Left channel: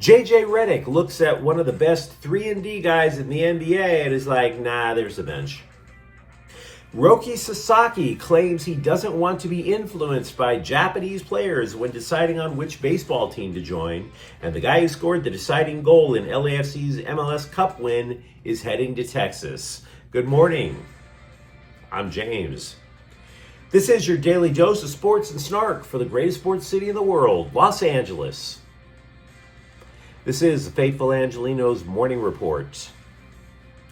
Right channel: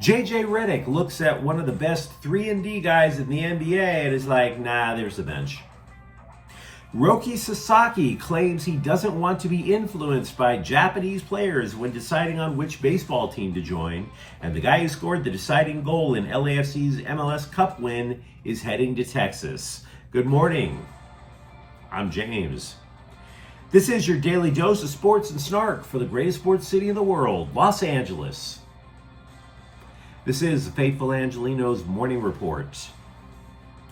JJ Redick looks at one of the best 3-and-D guys in the NBA and is like, nah, there's the bench. Roki Sasaki claims he doesn't want to be influenced by Japanese players when deciding on which baseball team to join, and the guy who scored the deciding goal in LAFC's MLS Cup win is heading to Texas. Good morning. I'm James. This is your daily dose of sports and snark for the greatest sports city in the world, Los Angeles. This is the faithful Angelenos morning report.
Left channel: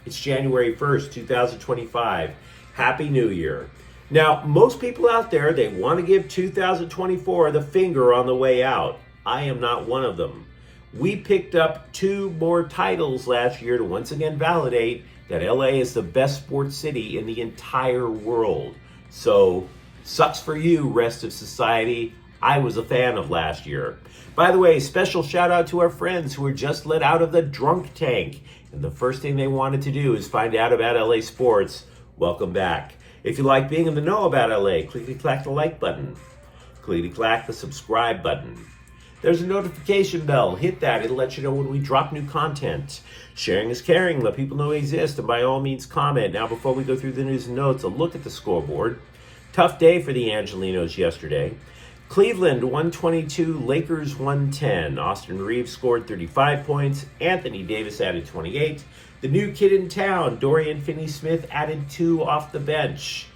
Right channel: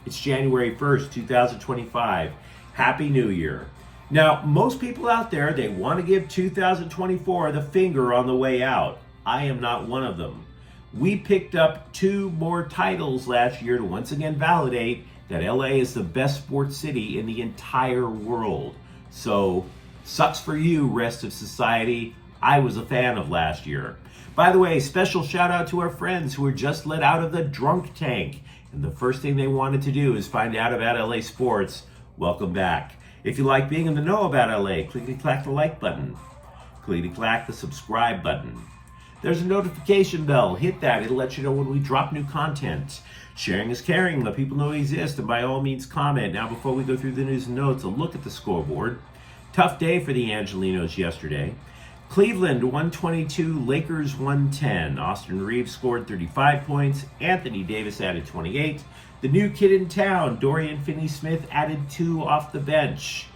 It's January 1st, 2025. Happy New Year. Now, most people out there, they want to give 2024 the finger on the way out. I am not one of them. We picked up 2 more titles last year to once again validate that LA is the best sports city in the entire world. So, sucks for you, rest of society. I was a fan of last year. By the way, special shout out to our friends who were just let out of the drunk tank. And the first thing they wanted to do is find out about LA sports. Welcome back. If you like being in the know about LA, clickety-clack the like button. Clickety-clack the subscribe button. There's a notification bell. Hit that. It'll let you know when we drop new content. Sharing is caring. Let people know we exist. And by all means, comment. Now, before we go through the news and notes, a look at the scoreboard. Tough day for the Angelenos yesterday. Cleveland 122, Lakers 110. Austin Reeves scored 35 points. Anthony Davis added 28. The new kid in town, Dorian Finney-Smith, added 2 off the bench.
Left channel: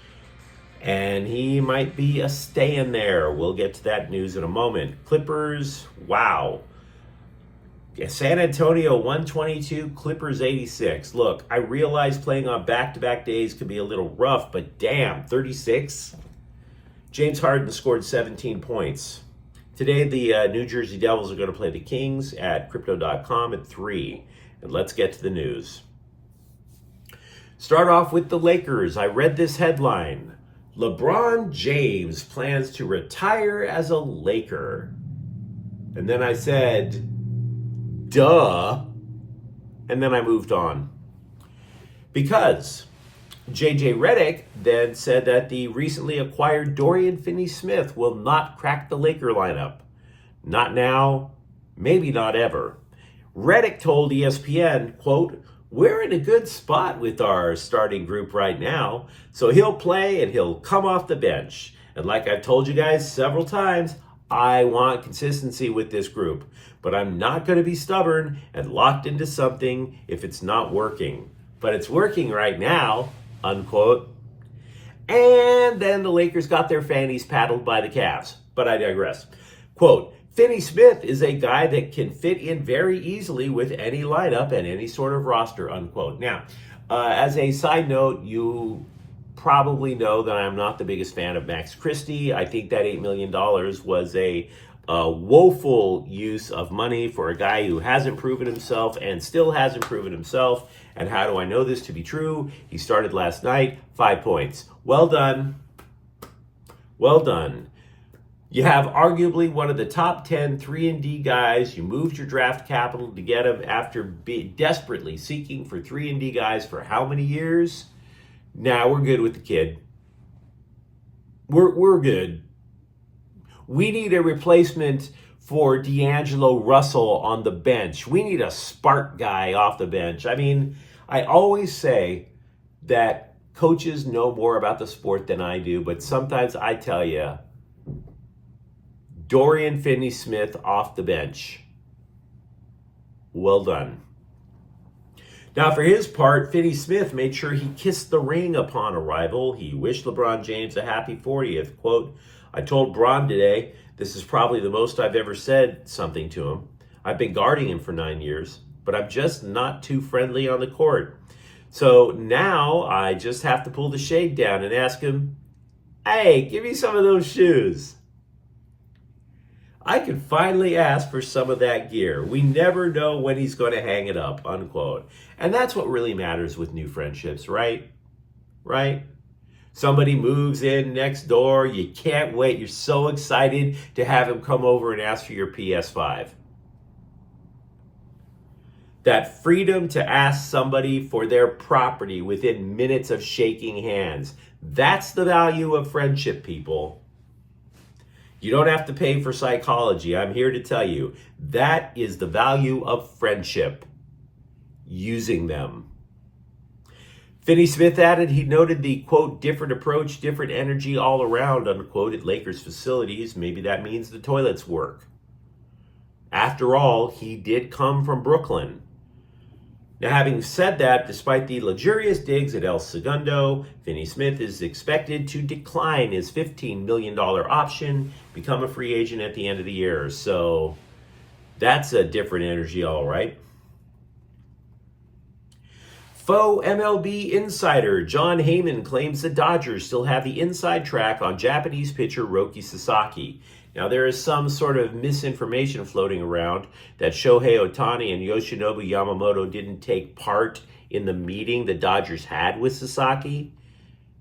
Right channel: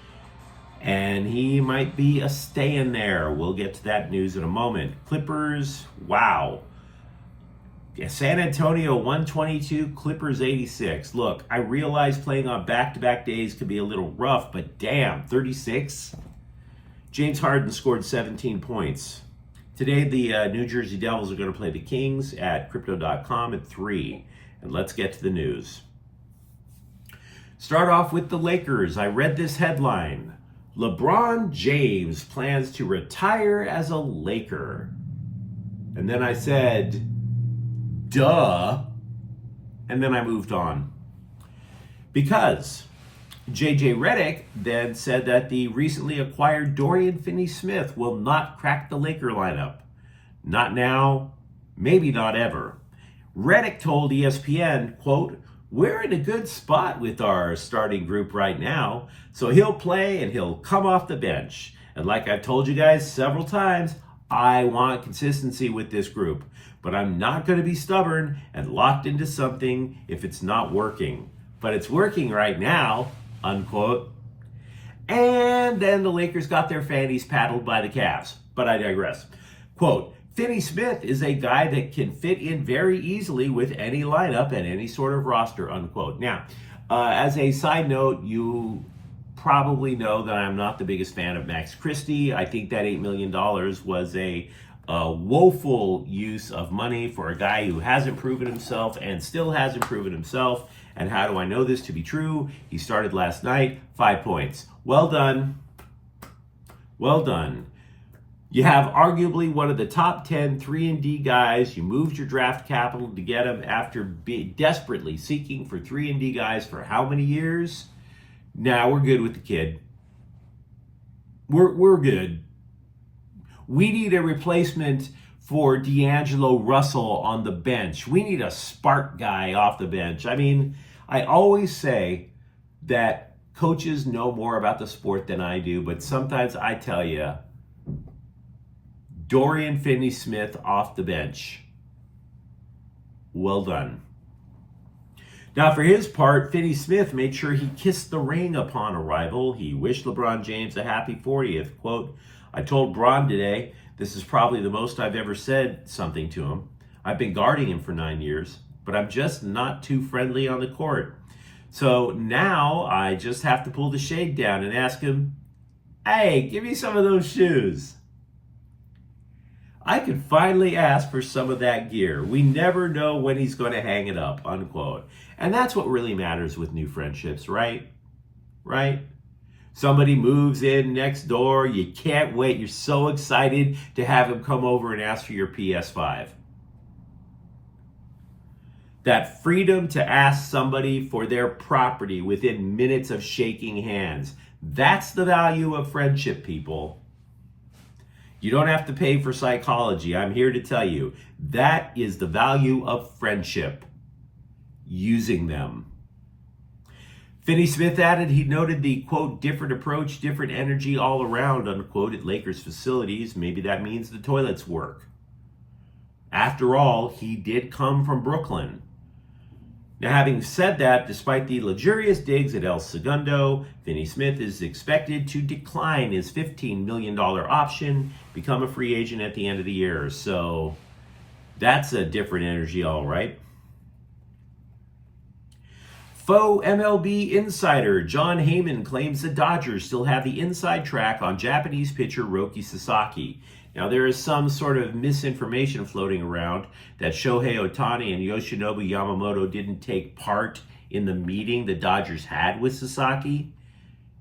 And he might be a stay-in there. We'll get to that news in a moment. Clippers, wow. Yeah, San Antonio 122, Clippers 86. Look, I realize playing on back-to-back days could be a little rough, but damn, 36? James Harden scored 17 points. Today, the New Jersey Devils are going to play the Kings at Crypto.com at 3. And let's get to the news. Start off with the Lakers. I read this headline. LeBron James plans to retire as a Laker. And then I said, duh. And then I moved on. Because JJ Redick then said that the recently acquired Dorian Finney-Smith will not crack the Laker lineup. Not now, maybe not ever. Redick told ESPN, quote, "We're in a good spot with our starting group right now, so he'll play and he'll come off the bench. And like I've told you guys several times, I want consistency with this group, but I'm not going to be stubborn and locked into something if it's not working. But it's working right now," unquote. And then the Lakers got their fannies paddled by the Cavs. But I digress. Quote, "Finney-Smith is a guy that can fit in very easily with any lineup and any sort of roster," unquote. Now, as a side note, you probably know that I'm not the biggest fan of Max Christie. I think that $8 million was a woeful use of money for a guy who hasn't proven himself and still hasn't proven himself. And how do I know this to be true? He started last night, 5 points. Well done. Well done. You have arguably one of the top 10 3-and-D guys. You moved your draft capital to get him after desperately seeking for 3-and-D guys for how many years? Now we're good with the kid. We're good. We need a replacement for D'Angelo Russell on the bench. We need a spark guy off the bench. I mean, I always say that coaches know more about the sport than I do, but sometimes I tell you, Dorian Finney-Smith off the bench. Well done. Now, for his part, Finney-Smith made sure he kissed the ring upon arrival. He wished LeBron James a happy 40th. Quote, "I told Bron today, this is probably the most I've ever said something to him. I've been guarding him for 9 years, but I'm just not too friendly on the court. So now I just have to pull the shade down and ask him, hey, give me some of those shoes. I could finally ask for some of that gear. We never know when he's going to hang it up," unquote. And that's what really matters with new friendships, right? Right? Somebody moves in next door. You can't wait. You're so excited to have him come over and ask for your PS5. That freedom to ask somebody for their property within minutes of shaking hands. That's the value of friendship, people. You don't have to pay for psychology. I'm here to tell you that is the value of friendship, using them. Finney-Smith added he noted the, quote, different approach, different energy all around, unquote, at Lakers facilities. Maybe that means the toilets work. After all, he did come from Brooklyn. Now, having said that, despite the luxurious digs at El Segundo, Finney-Smith is expected to decline his $15 million option, become a free agent at the end of the year. So that's a different energy, all right. Faux MLB insider John Heyman claims the Dodgers still have the inside track on Japanese pitcher Roki Sasaki. Now, there is some sort of misinformation floating around that Shohei Ohtani and Yoshinobu Yamamoto didn't take part in the meeting the Dodgers had with Sasaki.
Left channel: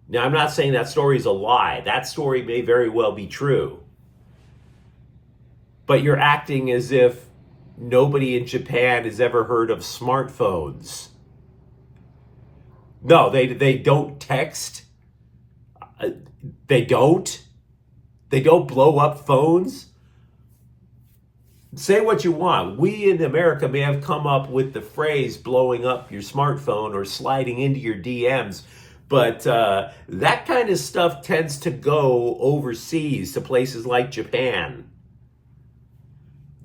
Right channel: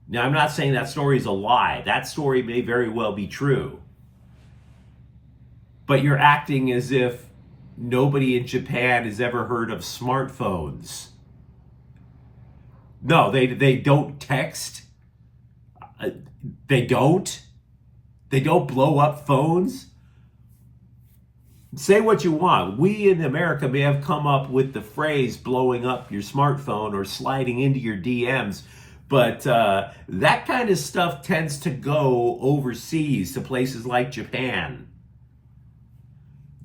Now, I'm not saying that story is a lie. That story may very well be true. But you're acting as if nobody in Japan has ever heard of smartphones. No, they don't text. They don't. They don't blow up phones. Say what you want. We in America may have come up with the phrase blowing up your smartphone or sliding into your DMs, but that kind of stuff tends to go overseas to places like Japan.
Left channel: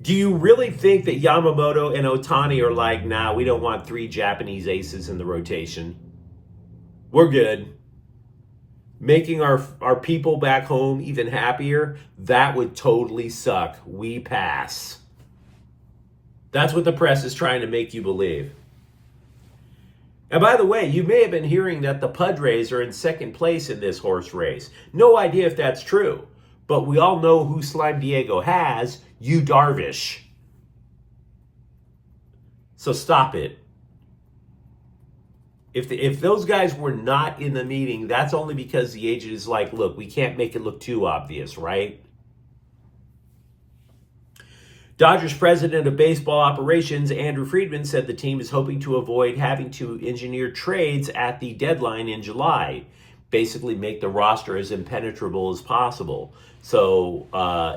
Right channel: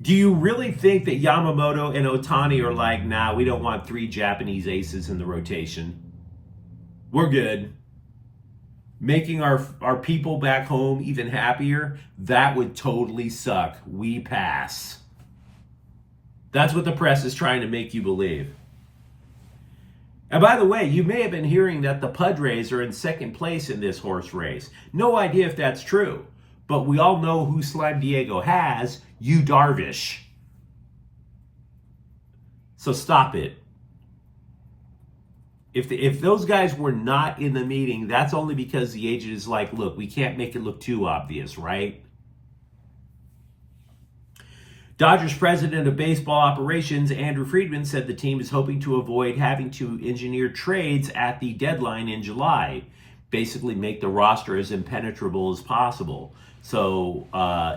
Do you really think that Yamamoto and Ohtani are like, nah, we don't want 3 Japanese aces in the rotation? We're good. Making our people back home even happier, that would totally suck. We pass. That's what the press is trying to make you believe. And by the way, you may have been hearing that the Padres are in second place in this horse race. No idea if that's true, but we all know who Slime Diego has, Yu Darvish. So stop it. If those guys were not in the meeting, that's only because the agent is like, look, we can't make it look too obvious, right? Dodgers president of baseball operations, Andrew Friedman, said the team is hoping to avoid having to engineer trades at the deadline in July, basically make the roster as impenetrable as possible. So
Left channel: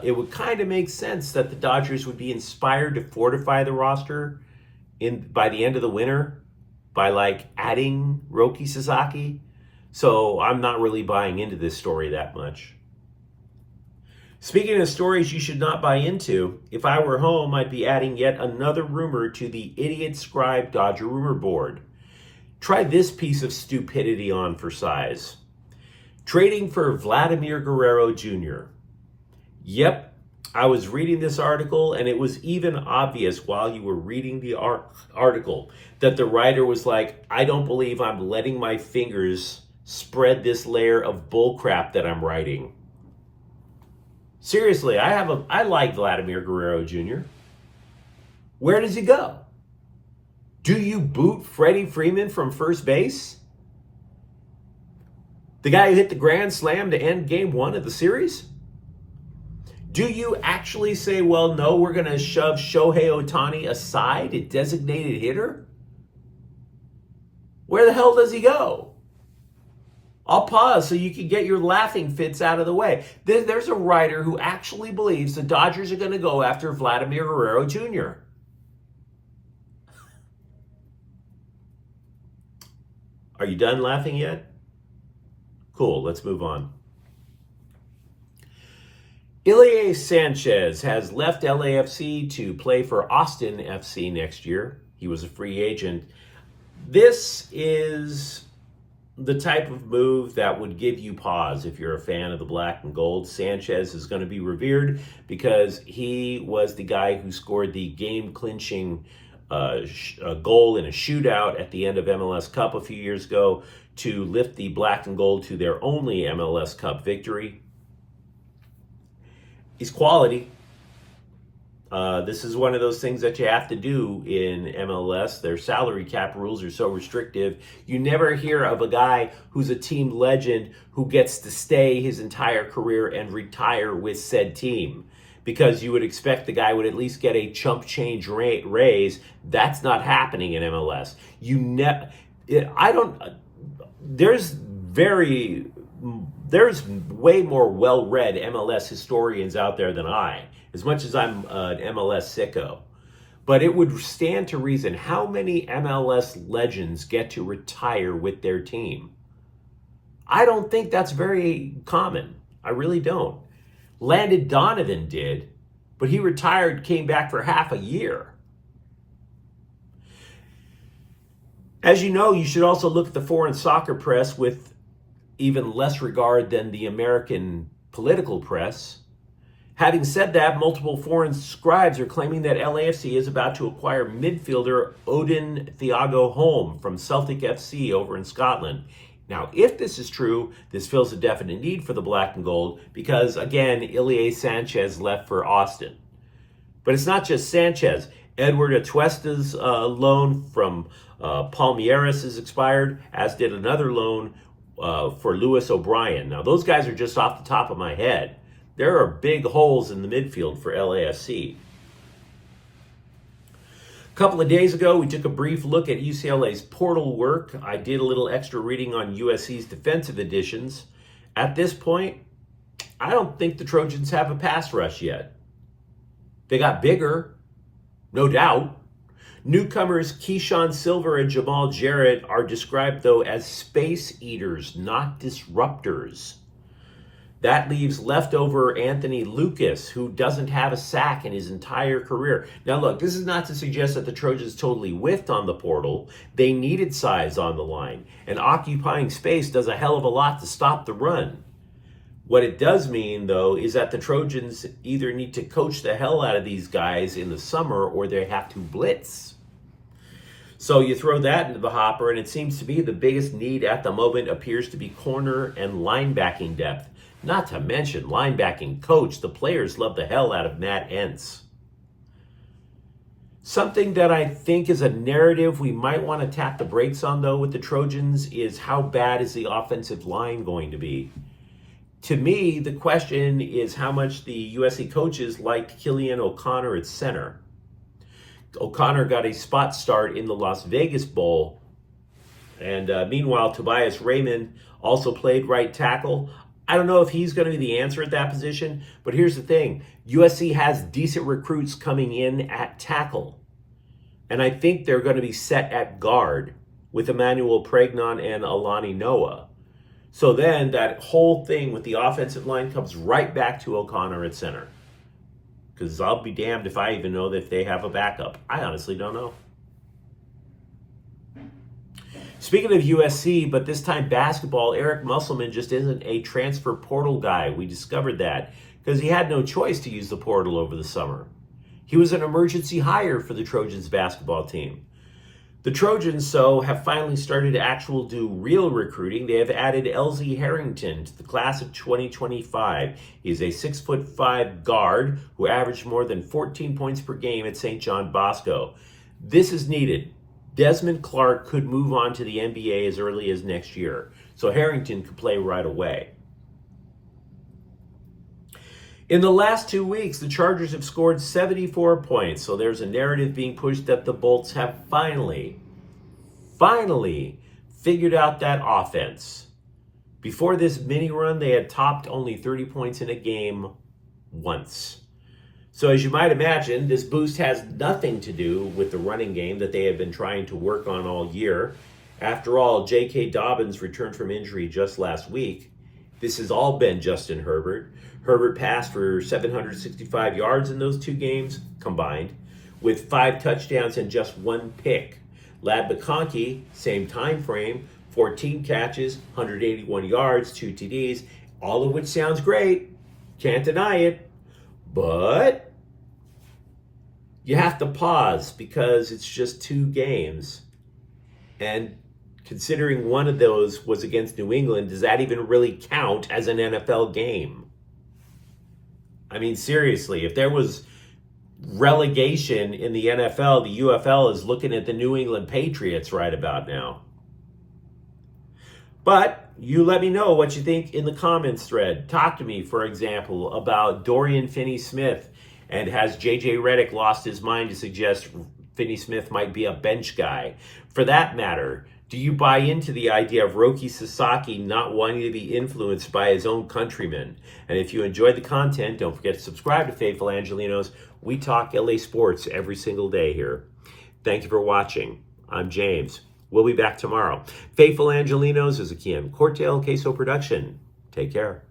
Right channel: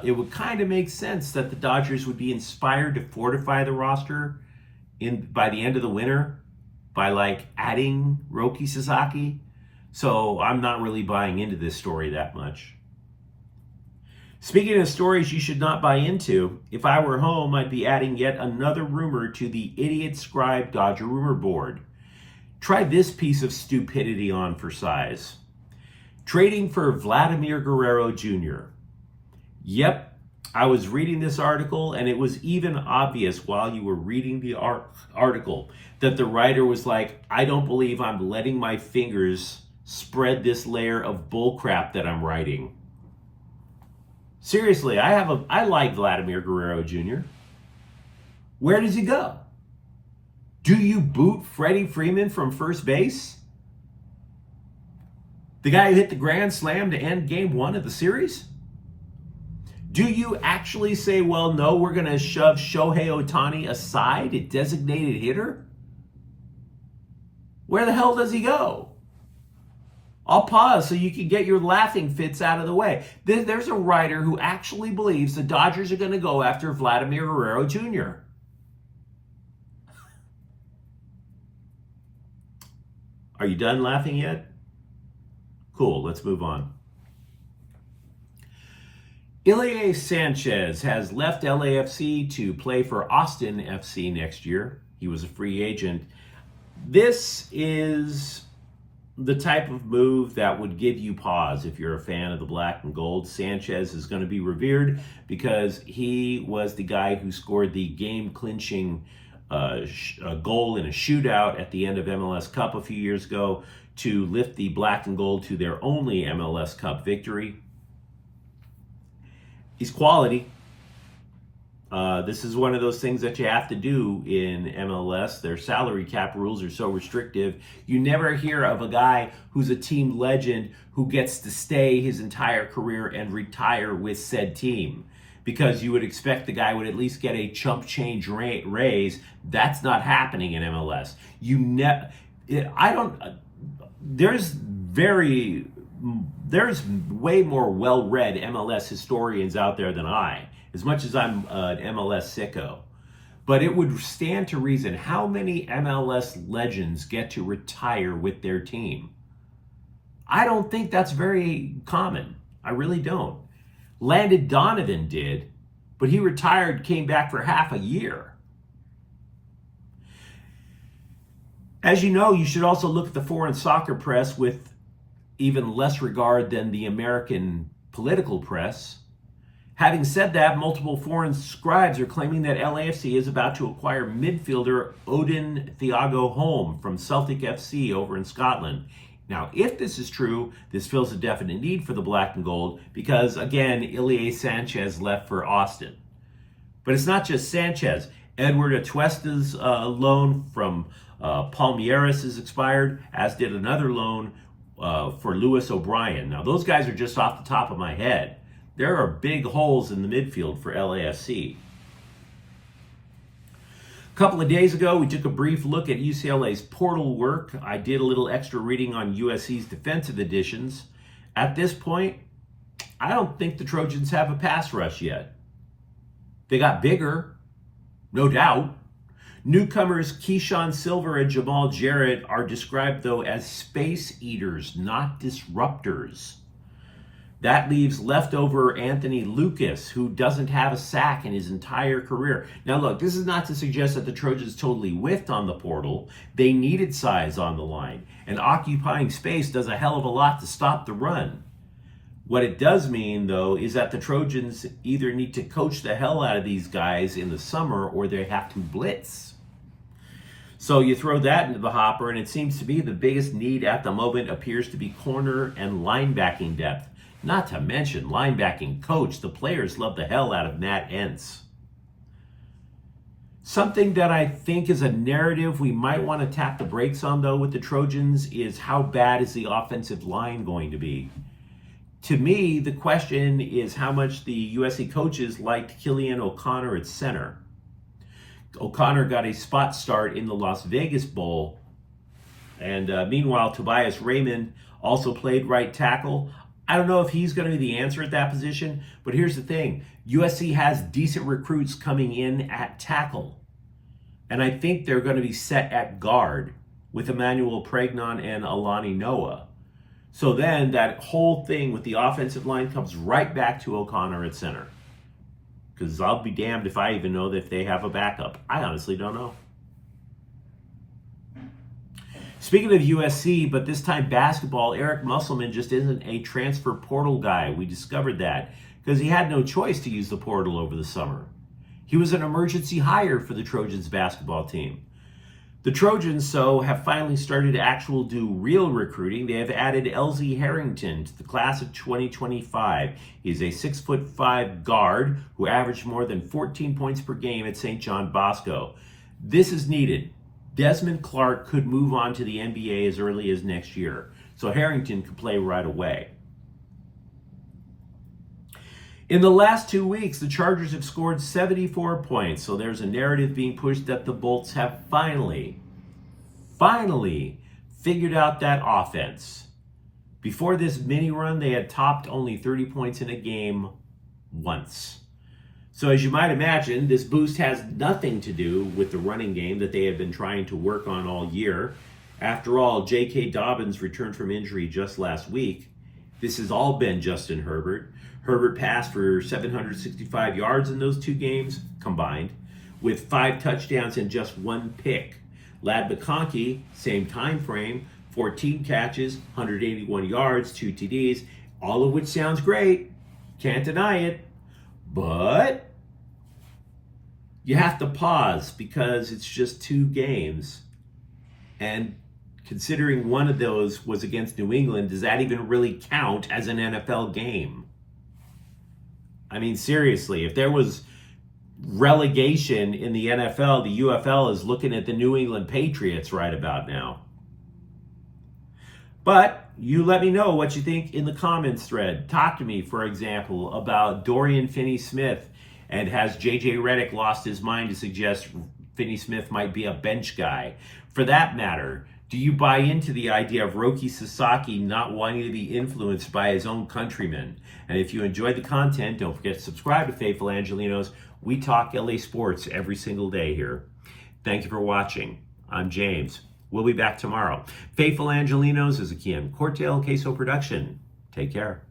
it would kind of make sense that the Dodgers would be inspired to fortify the roster by the end of the winter, by like adding Roki Sasaki. So I'm not really buying into this story that much. Speaking of stories you should not buy into, if I were home, I'd be adding yet another rumor to the Idiot Scribe Dodger rumor board. Try this piece of stupidity on for size. Trading for Vladimir Guerrero Jr. Yep, I was reading this article, and it was even obvious while you were reading the article that the writer was like, I don't believe I'm letting my fingers spread this layer of bullcrap that I'm writing. Seriously, I like Vladimir Guerrero Jr. Where does he go? Do you boot Freddie Freeman from first base? The guy who hit the grand slam to end game 1 of the series? Do you actually say, well, no, we're going to shove Shohei Ohtani aside, a designated hitter? Where the hell does he go? I'll pause so you can get your laughing fits out of the way. There's a writer who actually believes the Dodgers are going to go after Vladimir Guerrero Jr. Are you done laughing yet? Cool, let's move on. Ilie Sanchez has left LAFC to play for Austin FC next year. He was a free agent. This is the type of move that would give you pause if you're a fan of the black and gold. Sanchez is going to be revered because he was the guy who scored the game-clinching goal in a shootout at the end of MLS Cup a few years ago to lift the black and gold to their only MLS Cup victory. He's quality. This is one of those things that you have to do in MLS. Their salary cap rules are so restrictive. You never hear of a guy who's a team legend who gets to stay his entire career and retire with said team, because you would expect the guy would at least get a chump change raise. That's not happening in MLS. There's very there's way more well-read MLS historians out there than I, as much as I'm an MLS sicko. But it would stand to reason how many MLS legends get to retire with their team. I don't think that's very common. I really don't. Landon Donovan did, but he retired, came back for half a year. As you know, you should also look at the foreign soccer press with even less regard than the American political press. Having said that, multiple foreign scribes are claiming that LAFC is about to acquire midfielder Odin Thiago Holm from Celtic FC over in Scotland. Now, if this is true, this fills a definite need for the black and gold because, again, Ilie Sanchez left for Austin. But it's not just Sanchez. Edward Atuesta's loan from Palmeiras is expired, as did another loan for Lewis O'Brien. Now, those guys are just off the top of my head. There are big holes in the midfield for LAFC. A couple of days ago, we took a brief look at UCLA's portal work. I did a little extra reading on USC's defensive additions. At this point, I don't think the Trojans have a pass rush yet. They got bigger, no doubt. Newcomers Keyshawn Silver and Jamal Jarrett are described, though, as space eaters, not disruptors. That leaves leftover Anthony Lucas, who doesn't have a sack in his entire career. Now, look, this is not to suggest that the Trojans totally whiffed on the portal. They needed size on the line, and occupying space does a hell of a lot to stop the run. What it does mean, though, is that the Trojans either need to coach the hell out of these guys in the summer or they have to blitz. So you throw that into the hopper, and it seems to me the biggest need at the moment appears to be corner and linebacking depth. Not to mention linebacking coach. The players love the hell out of Matt Entz. Something that I think is a narrative we might want to tap the brakes on, though, with the Trojans is how bad is the offensive line going to be? To me, the question is how much the USC coaches liked Killian O'Connor at center. O'Connor got a spot start in the Las Vegas Bowl. And meanwhile, Tobias Raymond also played right tackle. I don't know if he's going to be the answer at that position, but here's the thing. USC has decent recruits coming in at tackle. And I think they're going to be set at guard with Emmanuel Pregnon and Alani Noah. So then that whole thing with the offensive line comes right back to O'Connor at center. Because I'll be damned if I even know that if they have a backup. I honestly don't know. Speaking of USC, but this time basketball, Eric Musselman just isn't a transfer portal guy. We discovered that because he had no choice to use the portal over the summer. He was an emergency hire for the Trojans basketball team. The Trojans, so, have finally started to do real recruiting. They have added LZ Harrington to the class of 2025. He's a 6'5" guard who averaged more than 14 points per game at St. John Bosco. This is needed. Desmond Clark could move on to the NBA as early as next year, so Harrington could play right away. In the last 2 weeks, the Chargers have scored 74 points, so there's a narrative being pushed that the Bolts have finally figured out that offense. Before this mini run, they had topped only 30 points in a game once. So as you might imagine, this boost has nothing to do with the running game that they have been trying to work on all year. After all, J.K. Dobbins returned from injury just last week. This has all been Justin Herbert. Herbert passed for 765 yards in those 2 games combined, with 5 touchdowns and just 1 pick. Lad McConkey, same time frame, 14 catches, 181 yards, 2 TDs, all of which sounds great. Can't deny it. But you have to pause because it's just 2 games. And considering one of those was against New England, does that even really count as an NFL game? I mean, seriously, if there was relegation in the NFL, the UFL is looking at the New England Patriots right about now. But you let me know what you think in the comments thread. Talk to me, for example, about Dorian Finney-Smith. And has JJ Redick lost his mind to suggest Finney-Smith might be a bench guy? For that matter, Do you buy into the idea of Roki Sasaki not wanting to be influenced by his own countrymen? And if you enjoyed the content, don't forget to subscribe to Faithful Angelenos. We talk LA sports every single day here. Thank you for watching. I'm James. We'll be back tomorrow. Faithful Angelenos is a Kian Cortell Queso production. Take care.